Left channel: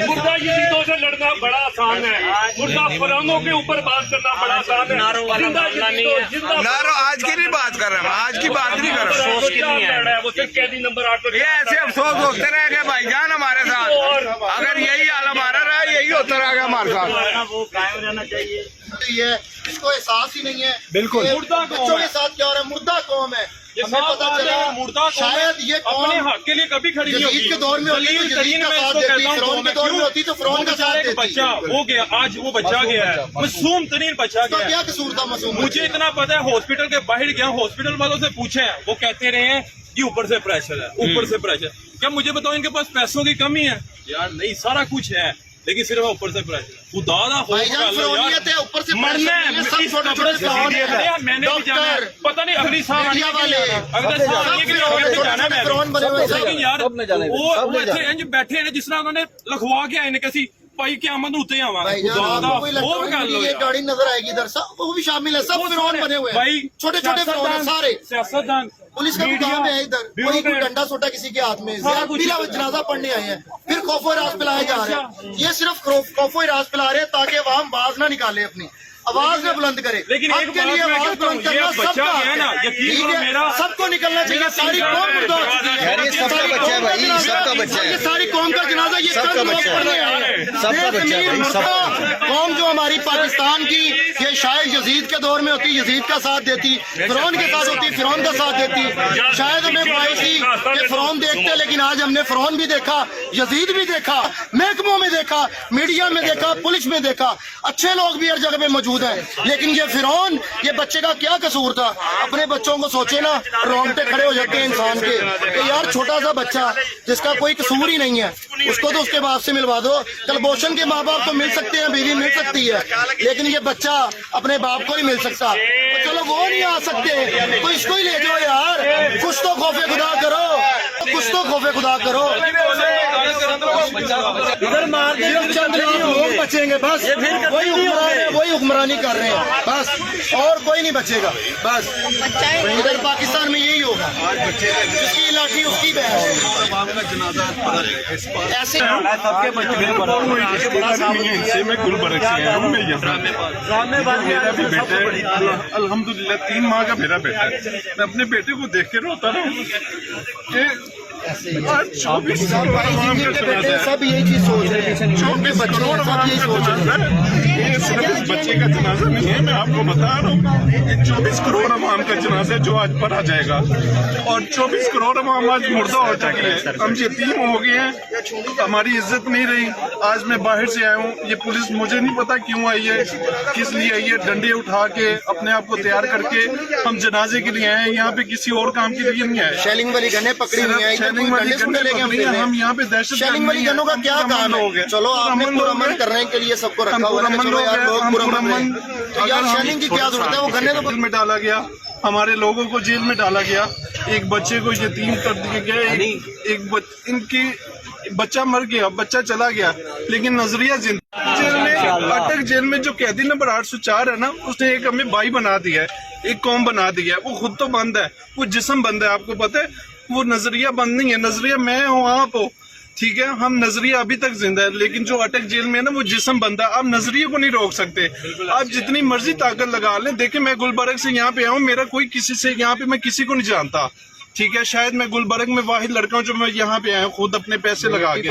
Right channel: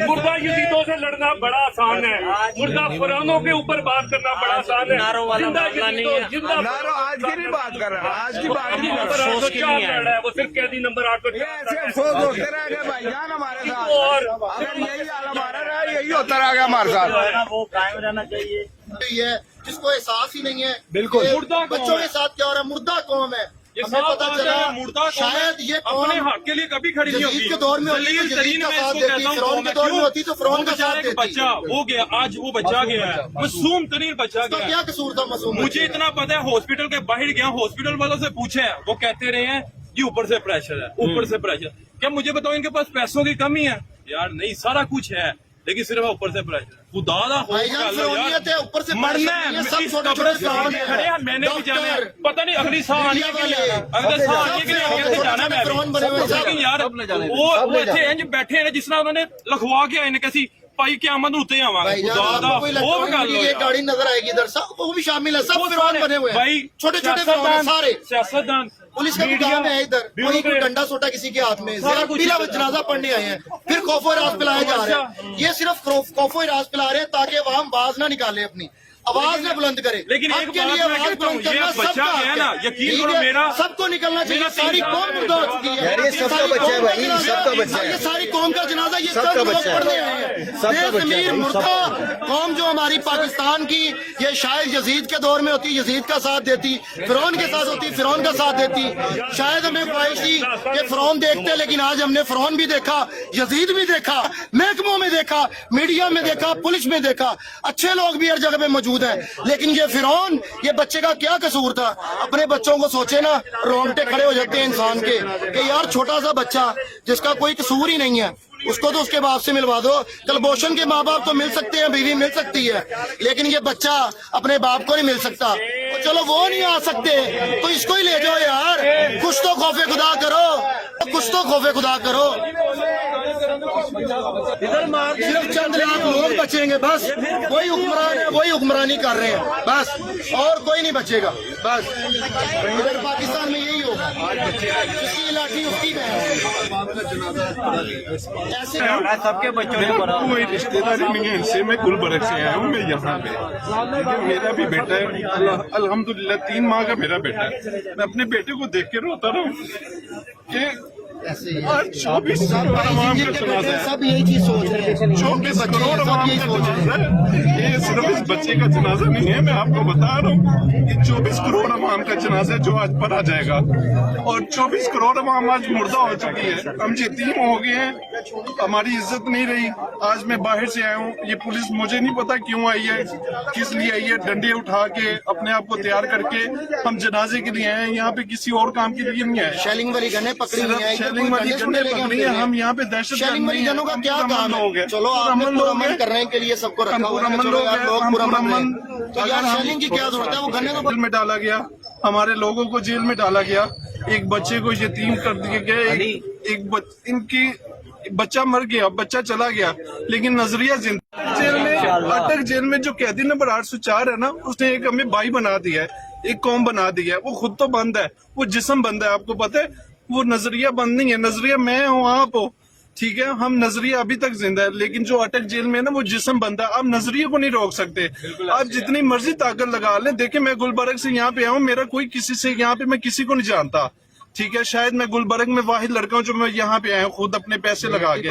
मुर्दा यजीदों से लड़ना बड़ा आसान है, मुर्दा फरौनों के ऊपर बात करना बड़ा आसान है। जिंदा यजीदों नारो आज की नहीं बात कर रहे हैं, आज की बात नहीं कर रहे हैं। वो सिर्फ कैदी नंबर 8 ये ऐसे अफसोस होते रह गए भाईजान हमारे साथ। अगर यही हाल हमारा रहा, यही होता रहेगा हमारे साथ। वो कायम रहना चाहिए। ये इसको एहसास ही नहीं है बिल्कुल। मुर्दा बच्चों के साथ क्या हो रहा है, मुर्दा कौम है। ये हमें पता चला मुर्दा शायद ये अपने हक के लिए कभी खड़ी नहीं होगी। के दौर में होती तो तरीन में इसको फिरौन कहता हूँ के दौर में होती तो फिरौन का साथ देती। बच्चा हो गया, आज वो बच्चा गया है, मासूम तरीन बच्चा गया है। क्या कसूर था मासूम? मुझे इतना पता है, हॉस्पिटल के बाहर गया, हॉस्पिटल वालों से पूछे, वो कहते रहे हैं कि ऊपर से प्रेशर है, ऊपर से प्रेशर। क्या मुझे बताओ इनके पास पैसों की कमी है? यार नहीं, सारा कुछ है, लेकिन सिर्फ ऊपर से प्रेशर। खुदा दा हो ऊपर से मरना है, इस कब्रिस्तान में खड़े हैं, मैंने भी जाना है। पता नहीं अगली साल आनी है कि नहीं आना है, अगले साल आनी है कि नहीं आना है, जाना है मैं। लेकिन यार वो इतने इंज बैठे हैं जिस तरह उन्होंने लिखवा के आए ने कैसी भाई क्यामत उत्ते आवांगे। खुदा दा वो गल हो यार, गाड़ी नजर आएगी इधर, सब वो भी शामिल है, सब फिरौन बने हुए हैं भाई। छोटे छोटे सारे सियासतदान, पुलिस का काम है इधर, कोई डंडा सोटा किसी के हाथ में, वो जनाजा पढ़ने आए हैं, फिर खौफो राज पिलाए जा रहे हैं। ये सिर्फ खौफो राज पिला रहे हैं ताकि अवाम आवाज ना निकाले, अपनी आवाज न बुलंद करे। लेकिन एक बात मैं कहता हूँ, ये बच्चा गया ना, यकीन करो मेरा सबको निकलना चाहिए। सारी कौम ये सबका बच्चा है भाई, सबका बच्चा है, ये सारी कौम का जनाजा, ये सबका बच्चा है, सबका बच्चा है भाई, सब कौम जो हमारी पाकिस्तान की, ये शायद यजीद के दौर में होती, यजीद का साथ देती, फिरौन के साथ होती, फिरौन का साथ देती। शायद हमें ख्वाहिश थी कि फिरौन देखते, लेकिन आज हमने फिरौन भी देखा, यजीद भी देखा, महकमों में देखा, मीडिया में देखा, पुलिस में देखा, अच्छे लोग भी हर जगह पे मौजूद है। लेकिन ये फिरौन, ये बच्चे का क्या कसूर था? अपने बच्चों को सोचे ना, रोंगटे खड़े हो जाते हैं इंसान के कि यार छोटा सा बच्चा जिसका कोई कसूर ही नहीं है, उसको तो उसके बाप से मिलवा दो। कलभूषण के माँ बाप तो मिल सकते हैं, बीवी मिल सकती है, लेकिन ये बच्चा अपने बाप को नहीं मिल सकता। तो चलो वो नहीं आ सकते तो इसको ही ले जाओ यार। कुछ तो खौफे खुदा करो, कुछ तो खौफे खुदा करो। सिर्फ चंद लाख लोग बचेंगे बस, वही हुक्मरानी कर रहे हैं बस, और कोई नहीं बचेगा बस। इधर पाकिस्तान में यही होगा, जिसकी लाठी उसकी ऐसे सबके बच्चों ने बड़ा कोई रिश्तेदारी नहीं है इनसे, मैं गुलबर्ग से आया हूँ। मैं यहाँ मेरा भी बेटा है, अल्हम्दुलिल्लाह 3 माह का मेरा बेटा है। मैं अपने बेटे को देख के रोता रहा हूँ। 24 सब यही चीज सोच रहे हैं, 24 करोड़ सब यही सोच रहे हैं। ये सिर्फ इस बच्चे का जनाजा नहीं है, मैं आपको बता रहा हूँ, ये 24 करोड़ अवाम का जनाजा है जो आज पढ़ा जाएगा। और 24 करोड़ अवाम आज मुर्दा हो चुकी है, हम यतीम हो गए हैं, हमारी इज्जत नहीं रही। आज मैं बाहर से आया हूँ, ये पुलिस मुझे नहीं पता क्यों आई है, किस लिए आई है। डंडे उठा के अपने आप को तैयार करके हम जनाजे के लिए आए हैं, यहाँ पे किसी और काम के लिए नहीं आए। शेलिंग वाली गने पकड़ी हुई है, हम यहाँ पे दहशत शेलिंग वाली गनों का क्या काम है? चलो आपने पुरअमन करने के लिए सबको रखा हुआ है, चलो यार लोग पुरअमन, तो यार शेलिंग की क्या जरूरत है? वो गन्ने तो जेल में डाला गया, हमारे लोगों को जेल में डाला गया, एक बच्चे को यतीम कर दिए गए, इनकी बच्चा मर गया, बच्चा चला गया, लेकिन नजरिया जिंदा। जेल में, अटक जेल में जो कैदी नंबर 804 है ना, उसने एक हमें भाई बना दिया है, एक कौम बना दिया है। वो खुद तो बंद है, वो जिस्म बंद है, आपको पता है। वो नजरिया बंद नहीं है, नजरिया मैं हूँ, आप हो, ठीक है। हम नजरिया अभी तक जिंदा है, लेकिन जो अटक जेल में है ना, वो जिस्म बंद है। आप नजरिए को नहीं रोक सकते, आप जितनी मर्जी ताकत लगा लें। देखिए मैं गुलबर्ग से यहाँ पे आऊँ, मेरा कोई किसी से यहाँ पे, मैं किसी को नहीं जानता, ठीक है। शायद मैं गुलबर्ग में वाहिद लड़का हूँ जो मैं यहाँ पे आया हूँ खुद अपने पैसे लगा के।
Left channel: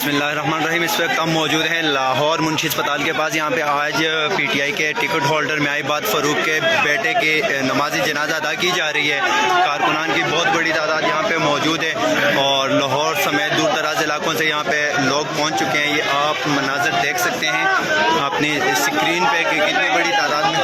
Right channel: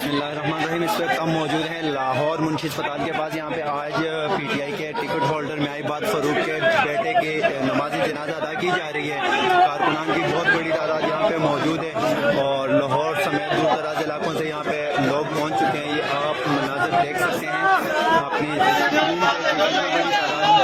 बिस्मिल्लाहिर्रहमानिर्रहीम। इस वक्त हम मौजूद हैं लाहौर मुंशी अस्पताल के पास। यहाँ पे आज पीटीआई के टिकट होल्डर मियाँबाद फ़रूक के बेटे के नमाज़ी जनाजा अदा की जा रही है। कारकुनान की बहुत बड़ी तादाद यहाँ पे मौजूद है और लाहौर समेत दूर दराज इलाकों से यहाँ पे लोग पहुँच चुके हैं। ये आप मनाज़र देख सकते हैं अपनी स्क्रीन पे कि कितनी बड़ी तादाद में।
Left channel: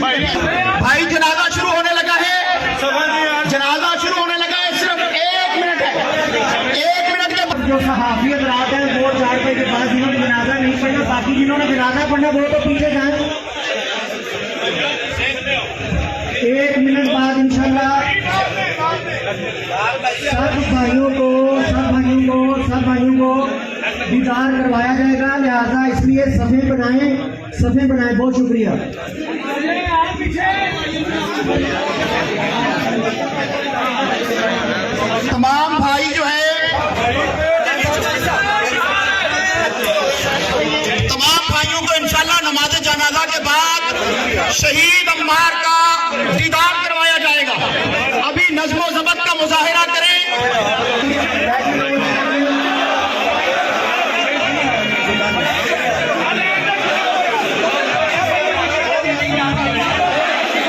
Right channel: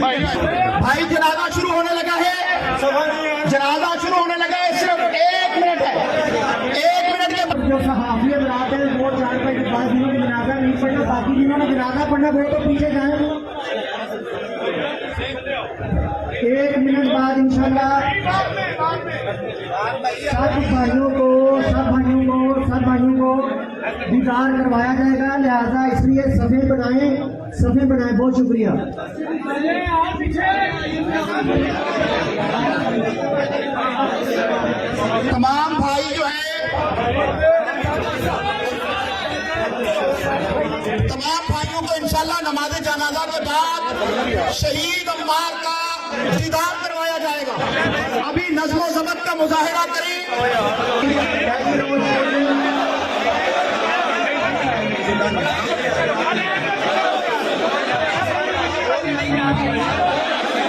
भाई जनाजा शुरू होने लगा है, जनाजा शुरू होने लगा है, सिर्फ 1 मिनट है, 1 मिनट के बाद जो सहाफियत रात है वो 4 बजे के बाद जिन्होंने जनाजा नहीं पढ़ना, बाकी जिन्होंने जनाजा पढ़ना वो तो पीछे जाए। 1 मिनट बाद इंशाल्लाह सब भाइयों को दीदार करवाया जाएगा, लिहाजा इसलिए सफ़े बनाएं। बहुत शुक्रिया। तमाम भाई जो है, तमाम भाइयों को इंशाल्लाह नमाज जनाजा के बाद शहीद अम्मार का दीदार करवाया जाएगा। अभी नज़्म व ज़ब्त का मुज़ाहिरा